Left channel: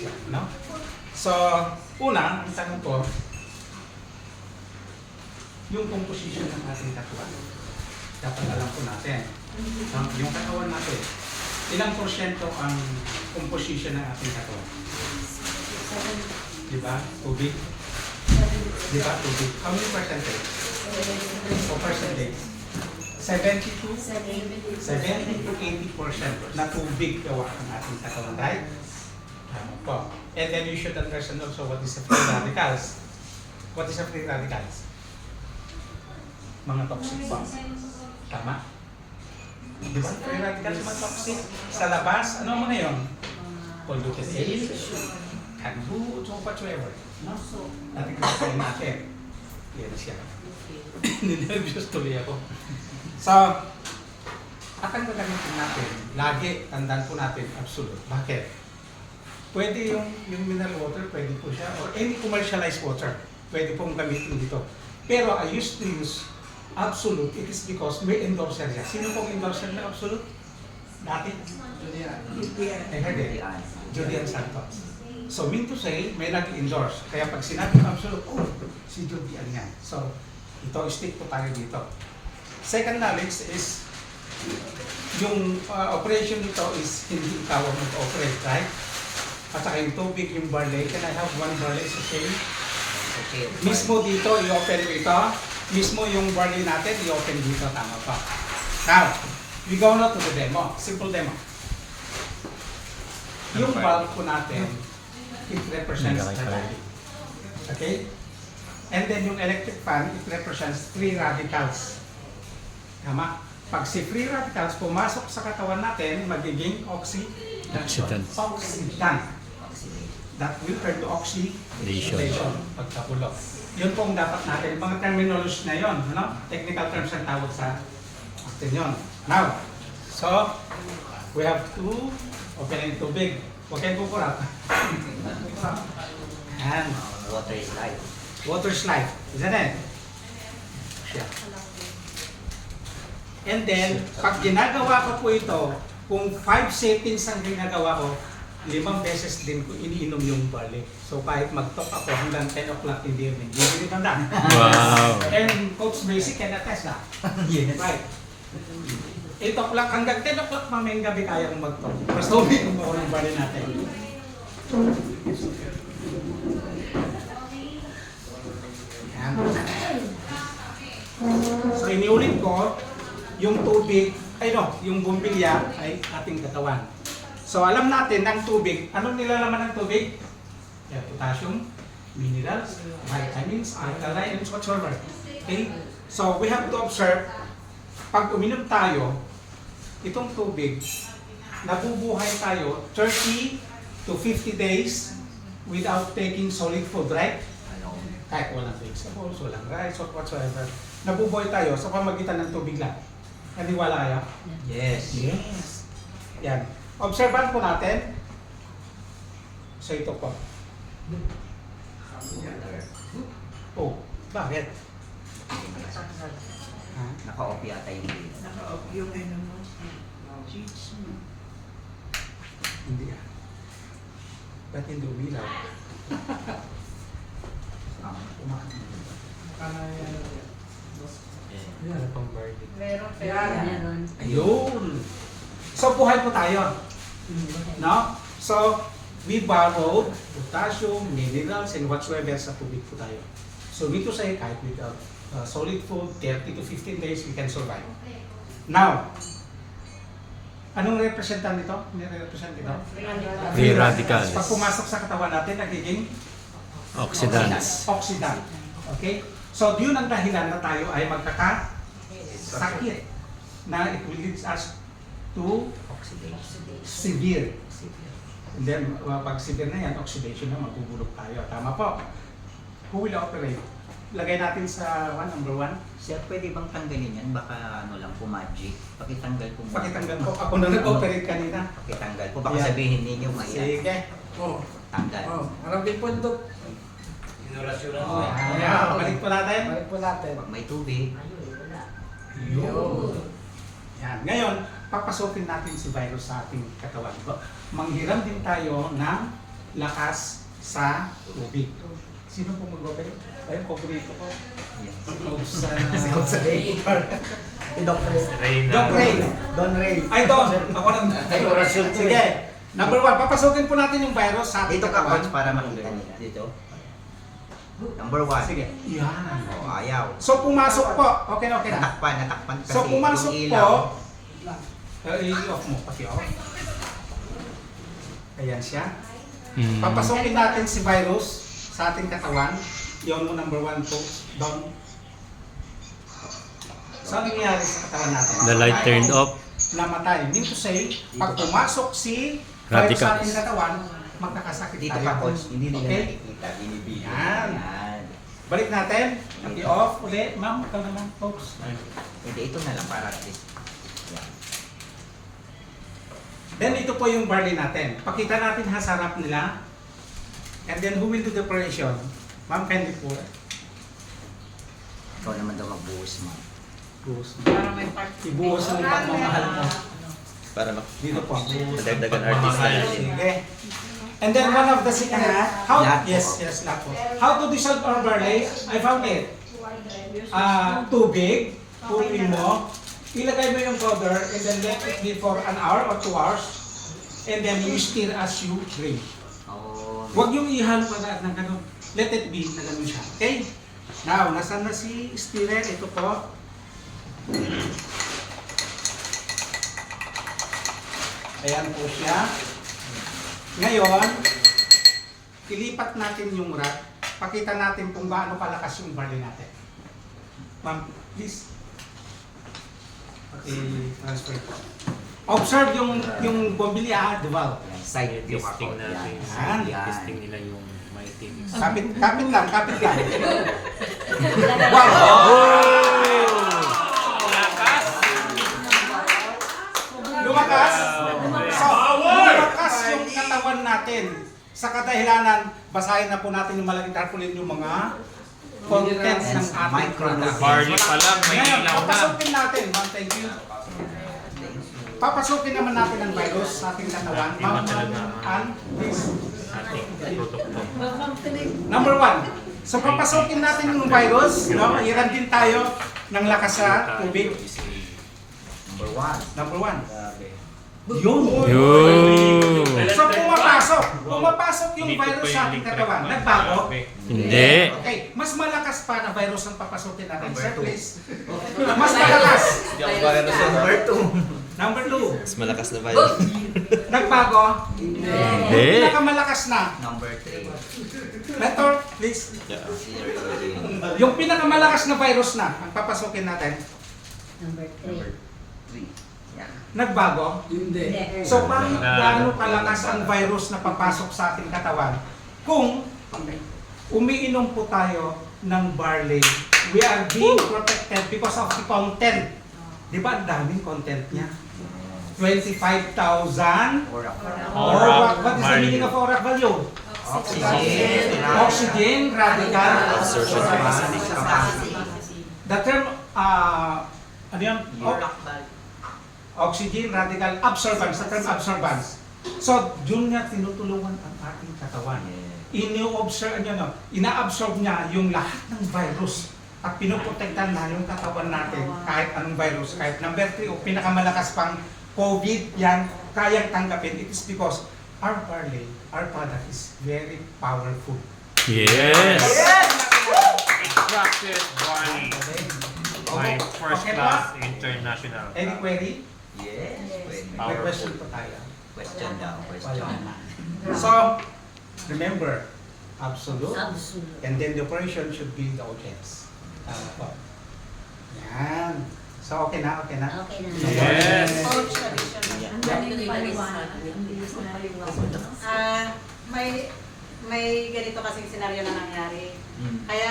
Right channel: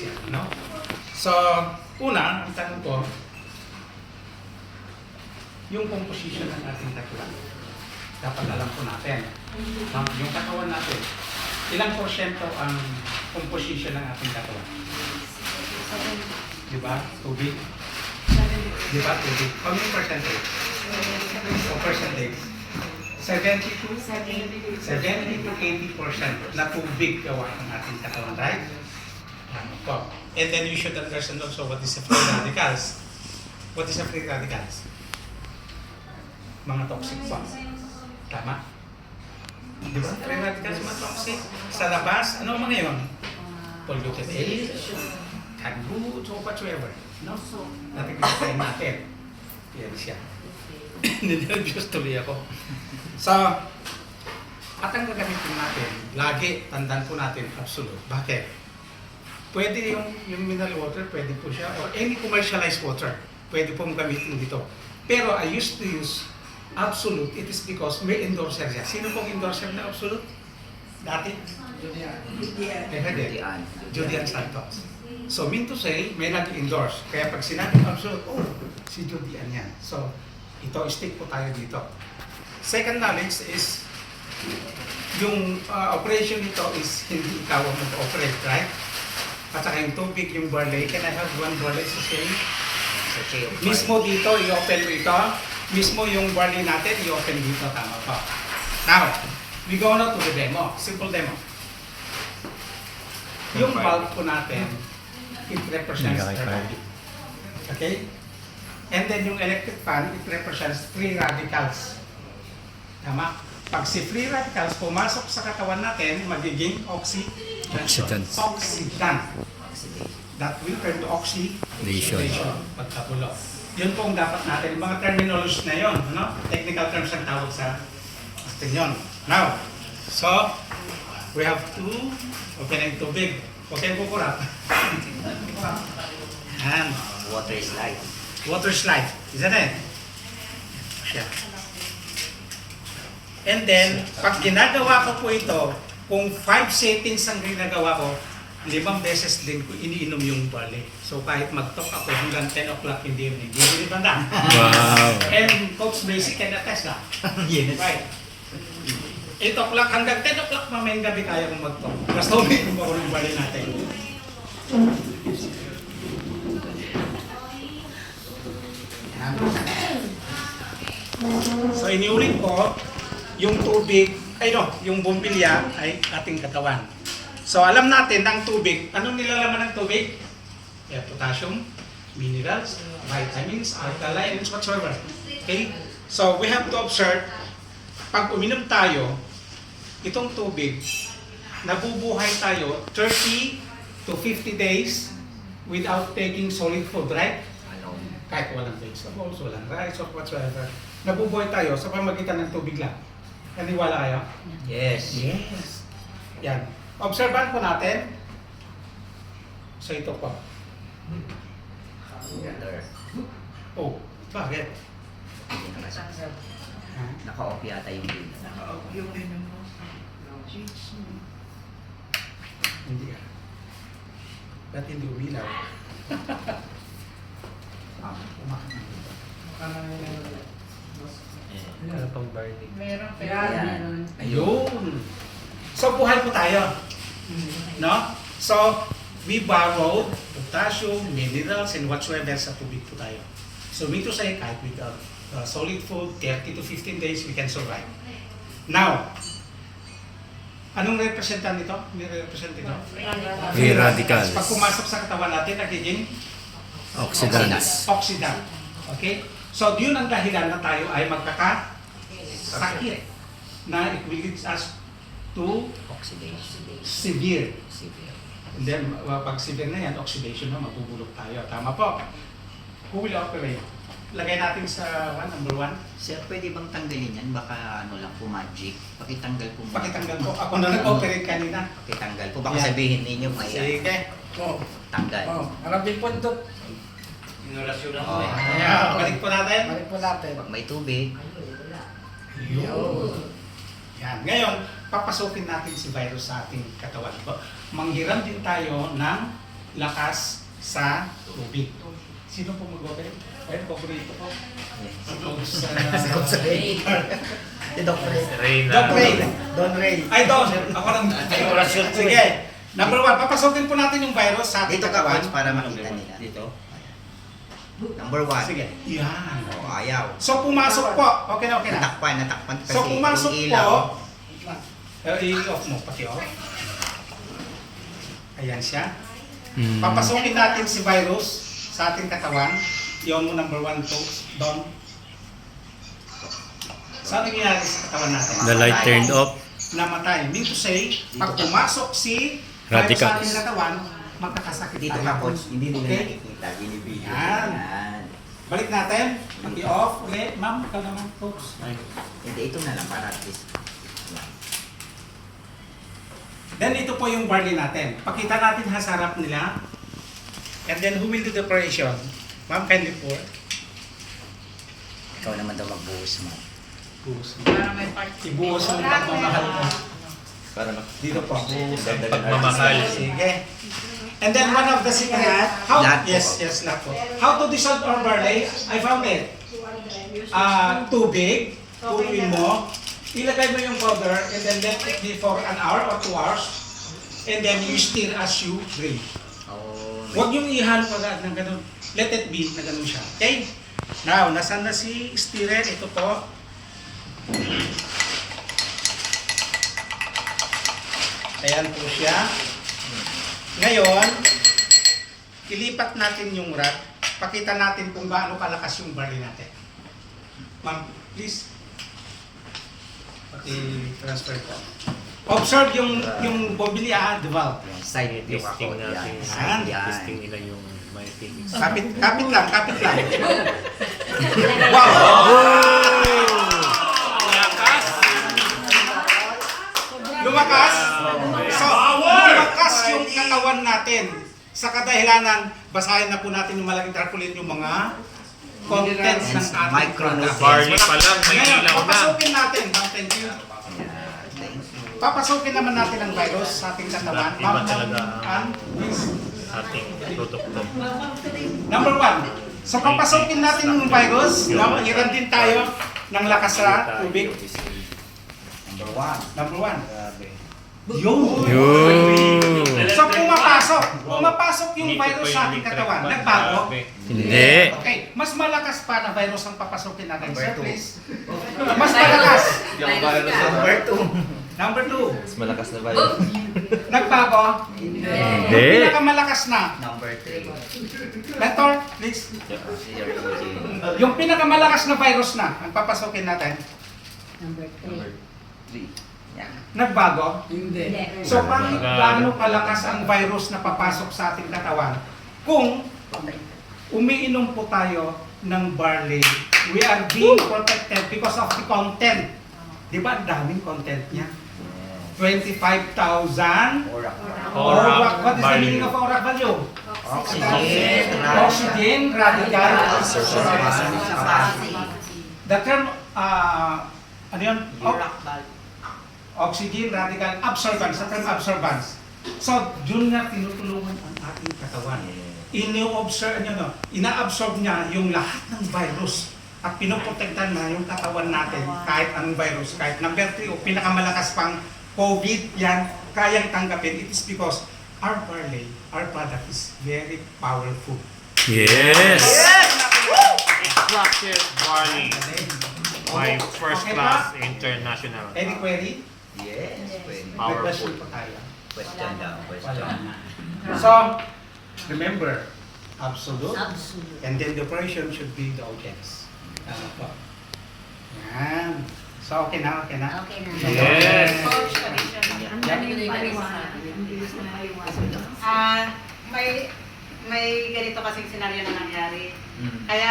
siya, no? So, una, ang tanong ko, yung composition ng ating katawan. Dapat alam po natin. Yung katawan natin, ilang porsyento ang composition ng ating katawan? Di ba? Tubig? Di ba? Tubig. How many percentage? O percentage? 70 to 80% na tubig gawa ng ating katawan, right? Po. And then you should understand also what is the free radicals. What is the free radicals? Mga toxic bonds. Tama? Di ba? Free radicals mga toxic. Sa labas, ano mga yun? Polluted air, canned goods, or whatsoever. No? Natin kinakain natin. Yan siya. Ninervyos tuloy ako. So, at ang gagamitin natin, lagi, tandaan po natin, absolute. Bakit? Pwede yung mineral water, pwede po siya, or any commercialized water, pwede pong gamitin dito. Pero I used to use absolute, it is because may endorser siya. Sino pong endorser ng absolute? Dati? Julian Santos. So, mean to say, may nag-endorse. Kaya pag sinabi absolute, oh, si Julian yan. So, ito, stick po tayo dito. Second knowledge is, yung operation nito is hindi ikaw ang mag-operate, right? At saka yung tubig, yung barley, can I have one barley sachet? Mismo dito, i-open mo ito. Mismo yung barley natin, i-open dito, tama pa. Now, we go now to the demo. Simple demo. Yung bulb po natin, it represents thermodynamic. Okay? And then yung electric fan, it represents free radicals. Tama? Pag si free radicals pumasok sa katawan natin, magiging oxidant. That will turn to oxidation. Pagkapulo. Yun pong dapat natin. Mga terminology na yun. Ano? Technical terms ang tawag sa atin yun. Now, so, we have to open ang tubig. Huwag kayong kukulat. And Water is life. water slide. Isn't it? Yeah. And then, pag ginagawa ko po ito, kung 5 settings ang ginagawa ko, 5 beses din ko iniinom yung barley. So kahit mag-talk ako hanggang 10 o'clock in the evening. Hindi banda. Wow. And Coach Basic can attest na. Yes. Right. 8 o'clock hanggang 10 o'clock mamayang gabi kaya kong mag-talk. Basta umiinom ako ng barley natin. Yan. So iniulit ko, yung tubig, yung bumbilya ay ating katawan. So alam natin ng tubig, anong nilalaman ng tubig? Yeah, potassium, minerals, vitamins, alkalines, whatsoever. Okay? So we have to observe, pag uminom tayo, itong tubig, nabubuhay tayo 30 to 50 days without taking solid food, right? Kahit walang vegetables, walang rice, or whatsoever. Nabubuhay tayo sa pamagitan ng tubig lang. Naniwala kayo? Yes. Yes. Yan. Observan po natin. So ito po. Water. Oh, bakit? Ha? Naka-off yata yung bill. Hindi ah. Ba't hindi umilaw? Ano pang barley? Meron. Ayun. So buhay po tayo. No? So, we borrowed potassium, minerals, and whatsoever sa tubig po tayo. So, mean to say, kahit without solid food, 30 to 15 days, we can survive. Now, anong representan nito? Nire-represent nito? Free radicals. Pag pumasok sa katawan natin, nagiging Oxidants. oxidant. Okay? So, yun ang dahilan na tayo ay magkakasakit na it will lead us to Oxidation. severe. Severe. And then, pag severe na yan, oxidation na, magugulog tayo. Tama po. Who will operate? Lagay natin sa number 1. Sir, pwede bang tanggalin yan? Baka ano lang po, magic. Pakitanggal po. Pakitanggal ko. Ako na nag-operate kanina. Pakitanggal po. Baka Yan. sabihin ninyo may Sige. tanggal. Marami pundok. Oh. Ayan, balik po natin. Balik po natin. Pag may tubig, Yun. Yan. Ngayon, papasukin natin si virus sa ating katawan. Manghiram din tayo ng lakas sa tubig. Sino po mag-operate? Ay, paborito ko. Si Coach Ray. Si Doc Ray. Reyna. Doc Ray. Don Ray. Ay, Don. Ako lang. Ay, orasyon to Sige. Number 1, papasukin po natin yung virus sa ating Dito ka, katawan. Coach, para makita nila. Dito. Number 1. Sige. Yan. Oh, ayaw. So, pumasok po. Okay na. Natakpan kasi So, pumasok yung po. ilaw. I-off mo. Paki-off. Ayan siya. Hmm. Papasukin natin si virus sa ating katawan. Yun mo number 1 po. Don. So, ano nangyayari sa katawan natin? The light turned off. Namatay. Mean to say, pag pumasok si virus Radicals. sa ating katawan, magkakasakit Dito tayo. ka, Coach. Hindi nila Okay? nakikita. Binibigyan. Yan. Yan. Balik natin. Paki-off ulit. Ma'am, ikaw naman, folks. Hindi, ito na lang para at least. Yan. Then ito po yung barley natin. Pakita natin ha sa harap nila. And then who will do the operation? Ma'am, can you pour? Ikaw naman daw magbuhos mo. Buhos mo. Para may part. Ibuhos mo yung pagmamahal mo. Para Dito po. Buhos. Pagmamahal. Sige. And then one of the secret, how, Lahat po. yes, lahat po. How to dissolve our barley? I found it. Tubig, punuin mo, ilagay mo yung powder, and then let it be for an hour or 2 hours, and then you stir as you drink. Oh, Huwag yung ihalo agad ng ganun. Let it be na ganun siya. Okay? Now, nasaan na si stirrer? Ito po. Ayan po siya. Ngayon, ilipat natin yung rack. Pakita natin kung gaano kalakas yung barley natin. Ma'am, please. I-transfer po. Observe yung bombilya, the valve. yan. Side view ako. Testing natin. Yan. Yan. Testing nila yung myetics. Kapit lang. Wow! Lakas! Lumakas? So, lumakas yung katawan natin. Sa kadahilanan, basahin na po natin yung malaking tarpaulin yung mga contents ng ating Micronutrients. product. Barley pa lang, may Ngayon, ilaw na. papasukin natin. Ma'am, thank you. Yan. Thank you. Papasukin naman natin ang virus sa ating katawan. Iba Ma'am, talaga. Ann, please. Ating produkto. Number 1. So, papasukin natin yung virus. No? Iran din tayo ng lakas sa tubig. Number 1. Number 1. Grabe. Yun. Yun. So, pumapasok yung Dito pa virus sa yung ating electric katawan. fan. Nagbago. Grabe. Hindi. Okay, mas malakas pa na virus ang papasukin natin. Number Sir, two. please. Mas malakas. Number 2. Number 2. Mas malakas na ba yun? Nagbago. Hindi. Pinakamalakas na. Number 3. Mentor, please. Yeah. Yung pinakamalakas na virus na ang papasukin natin. Number 3. Yan. Nagbago. Hindi. So, paano kalakas ang virus na papasok sa ating katawan? Kung umiinom po tayo ng barley, we are being protected because of the content. Di ba? Ang daming content niya. 25,000 Aura. what is the meaning of auric value? Oxygen. Oxygen, radical. Capacity. The term, ano yun? Oxygen, radical, absorbance. The term absorbance. So, dun nga tinutulungan ang ating katawan. Ina-absorb niya yung lahat ng virus at pinoprotektan na yung katawan natin kahit anong virus. Kahit number 3 o pinakamalakas pang COVID, yan, kayang tanggapin. It is because our barley, our product is very powerful. Yes. Extracted barley. My first Okay class ba? international. Any query? Yes. Pwede. May question po tayo. Question daw. Wala Question. na. So, remember, absolute. And then the operation should be the audience. Tama po. Yan. So, okay na. Yes. Coach, additional. May ganito kasing senaryo na nangyari. Mm. Kaya